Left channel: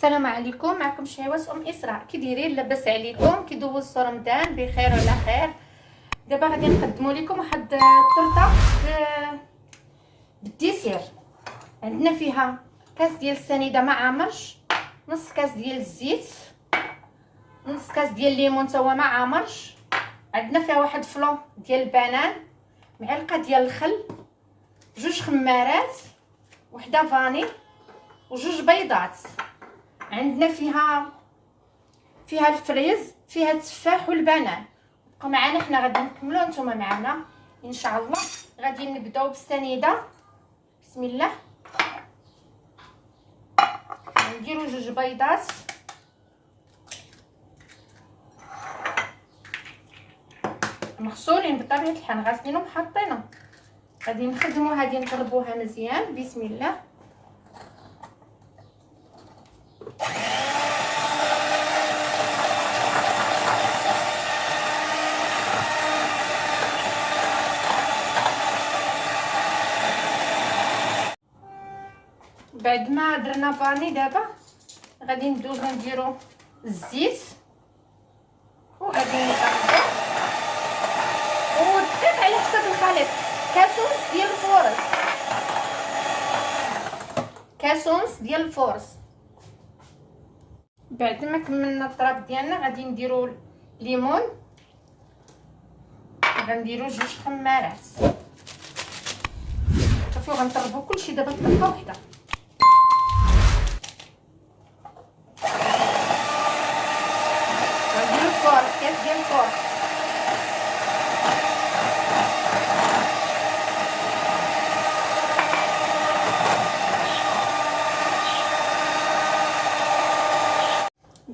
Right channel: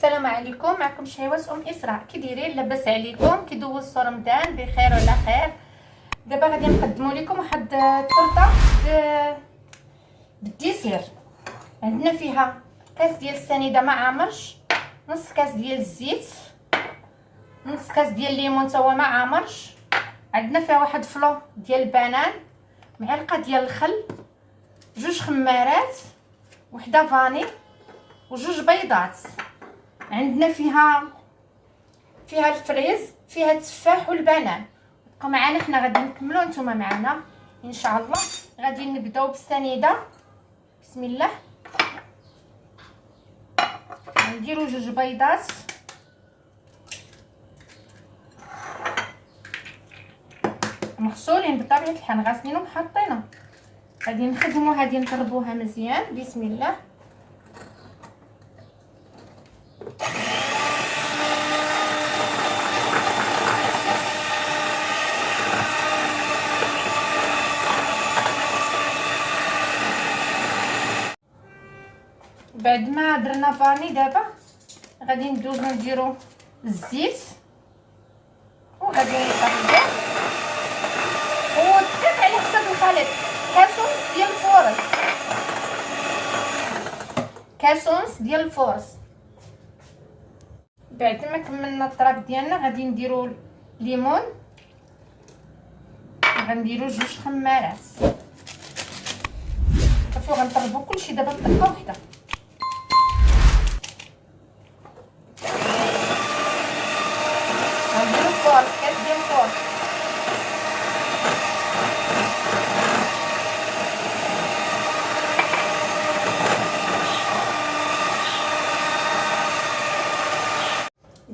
السلام عليكم. معكم شعيوات اسراء. كي دايرين؟ لاباس عليكم؟ كي دوزت رمضان بخير وعلى خير؟ دابا غادي نقدموا لكم واحد الطرطه بالديسير. عندنا فيها كاس ديال السنيده ما عامرش، نص كاس ديال الزيت، نص كاس ديال الليمون تا هو ما عامرش، عندنا فيها واحد فلو ديال البنان، معلقه ديال الخل، جوج خمارات، وحده فاني، وجوج بيضات. عندنا فيها الفريز، فيها التفاح والبنان. بقى معنا، حنا غادي نكملوا، نتوما معنا ان شاء الله. غادي نبداو بالسنيده. بسم الله. نديروا جوج بيضات، مغسولين بطبيعه الحال، غاسلينهم حاطينهم. غادي نخدموا، غادي نضربوها مزيان. بسم الله. بعد ما درنا فاني، دابا غادي ندوزو نديرو الزيت، وغادي نقلبو، وديك على حسب الخليط. كاسونس ديال الفورص، كاسونس ديال الفورص. بعد ما كملنا الطراب ديالنا غادي نديرو الليمون، غنديرو جوج خمارات صافي، وغنطربو كلشي. دابا نطربو وحده. غنديرو فورص، كاس ديال الفورص.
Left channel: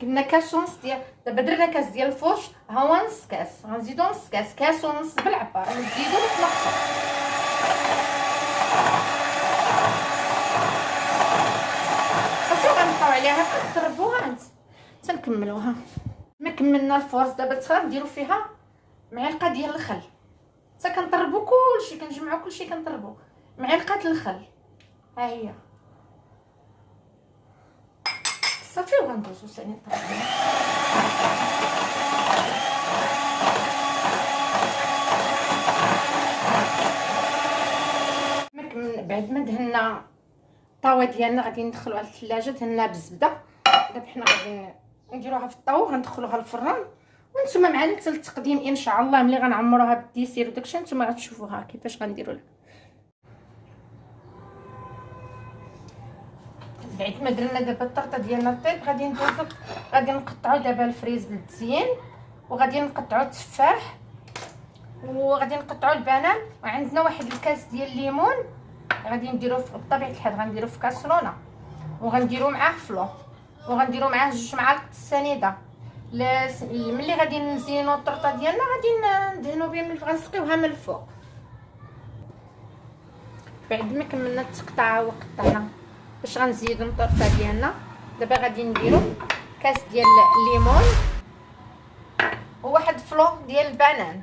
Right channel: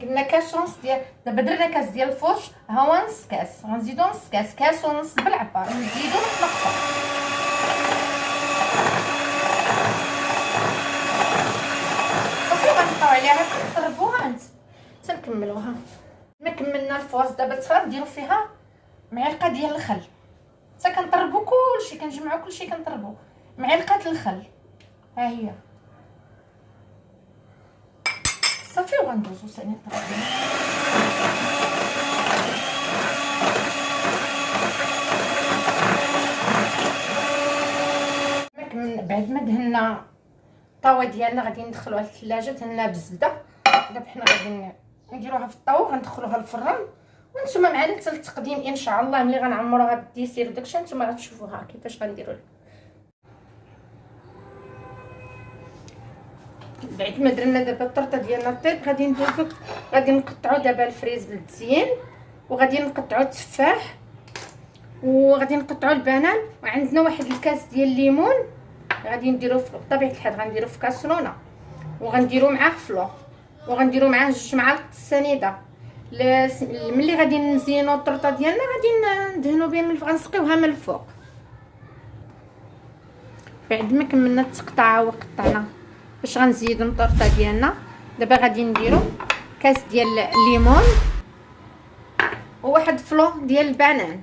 قلنا كاسونس ديال، دابا درنا كاس ديال الفرش، ها هو نص كاس، غنزيدو نص كاس، كاس ونص بالعبار، نزيدو نقصو. صافي غنبقاو عليها كنضربوها تنكملوها. ما كملنا الفرز، دابا تصفى نديرو فيها معلقه ديال الخل، حتى كنطربو كلشي، كنجمعو كلشي كنطربو. معلقه الخل ها هي صافي، وغندوزو ثاني نطربو. بعد ما دهنا الطاوه ديالنا غادي ندخلوها للثلاجه، دهنا بالزبده. دابا حنا غادي نديروها في الطاو، غندخلوها للفران، وانتم معنا حتى التقديم ان شاء الله. ملي غنعمروها بالديسير وداكشي نتوما غتشوفوها كيفاش غنديروا. بعد ما درنا دابا الطرطه ديالنا الطيب، غادي ندوزو، غادي نقطعوا دابا الفريز بالمزيان، وغادي نقطعوا التفاح، وغادي نقطعوا البنان، وعندنا واحد الكاس ديال الليمون غادي نديروه بطبيعه الحال، غنديروه في كاسرونه، وغنديرو معاه فلو، وغنديرو معاه جوج معالق السنيده. ملي غادي نزينو الطرطه ديالنا غادي ندهنو بها من، غنسقيوها من الفوق. بعد ما كملنا التقطاعه وقطعنا باش غنزيدو الطرطه ديالنا، دابا غادي نديرو كاس ديال الليمون، وواحد فلو ديال البنان،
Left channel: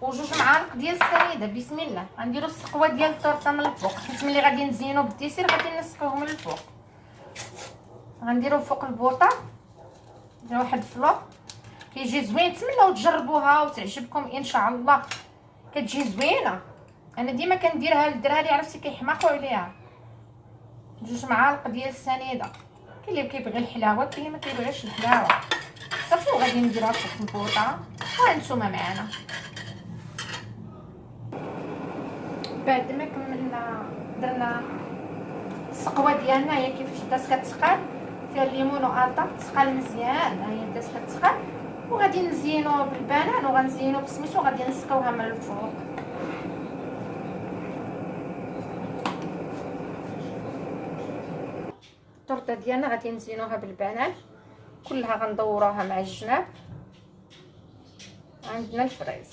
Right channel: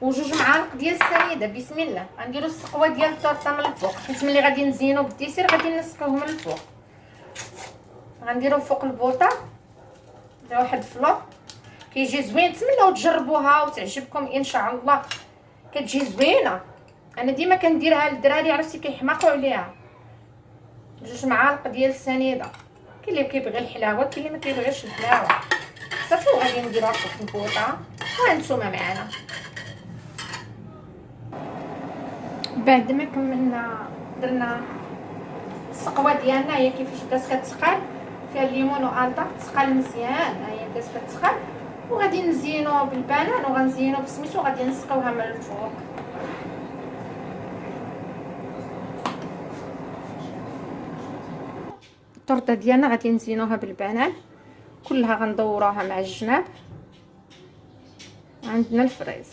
وجوج معالق ديال السنيده. بسم الله. غنديرو السقوه ديال الطرطه من الفوق، حيت ملي غادي نزينو بالديسير غادي نسقيوه من الفوق. غنديرو فوق البوطه هذا واحد فلو، كيجي زوين. نتمنىو تجربوها وتعجبكم ان شاء الله، كتجي زوينه. انا ديما كنديرها للدراري، عرفتي كيحماقوا عليها. جوج معالق ديال السنيده، كاين اللي كيبغي الحلاوه، كاين اللي ما كيبغيش الحلاوه. صافي، وغادي نديروها فوق البوطه، وهانتوما معنا. بعد ما كملنا درنا السقوه ديالنا، هي كيفاش بدات كتسقال، فيها الليمون والطا، تسقال مزيان. ها هي بدات كتسقال، وغادي نزينو بالبنان، وغنزينو بسميتو، وغادي نسقيوها من الفوق. الطرطه ديالنا غادي نزينوها بالبنان كلها، غندوروها مع الجناب. عندنا الفريز،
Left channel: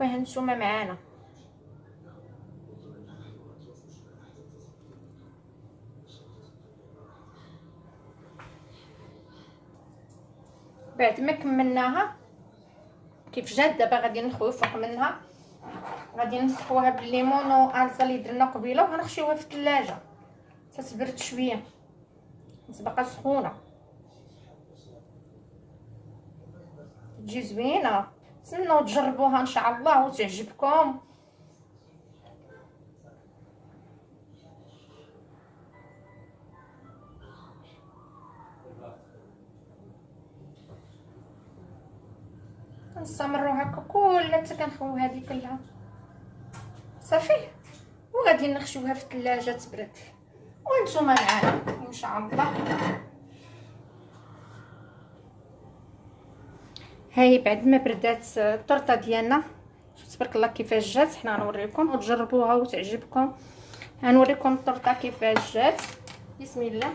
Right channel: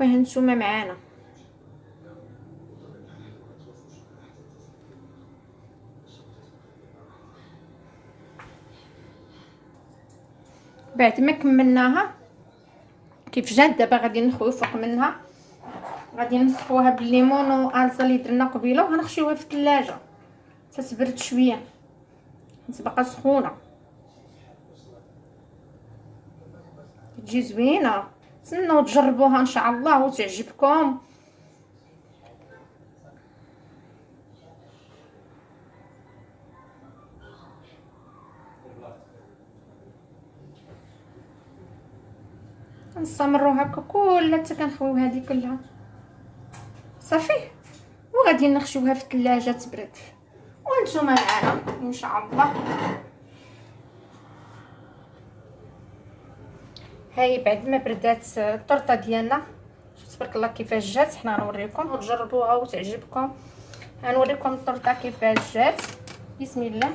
وهانتوما معانا. بعد ما كملناها كيف جات دابا غادي نخويو فوق منها، غادي نسقوها بالليمون والصلصه اللي درنا قبيله، وغنخشيوها في الثلاجه تتبرد شويه، تبقى سخونه تجي زوينه. نتمنوا تجربوها ان شاء الله وتعجبكم. نستمروا هكا كلها حتى كنخويو هذه كلها صافي، وغادي نخشيوها في الثلاجه تبرد وانتم معنا ان شاء الله. هاي بعد ما بردات الطرطه ديالنا، تبارك الله كيفاش جات. حنا غنوريكم وتجربوها وتعجبكم. غنوريكم الطرطه كيفاش جات. بسم الله.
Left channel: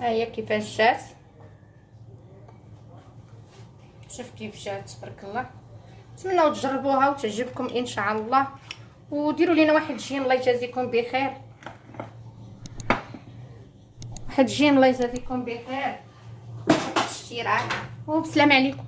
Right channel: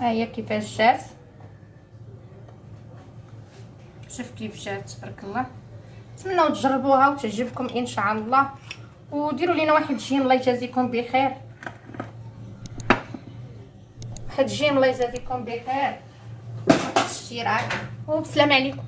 هي كيفاش جات، شوف كيف جات تبارك الله. نتمنوا تجربوها وتعجبكم ان شاء الله، وديروا لينا واحد جيم الله يجازيكم بخير، واحد جيم الله يجازيكم بخير، اشتراك وبسلام عليكم.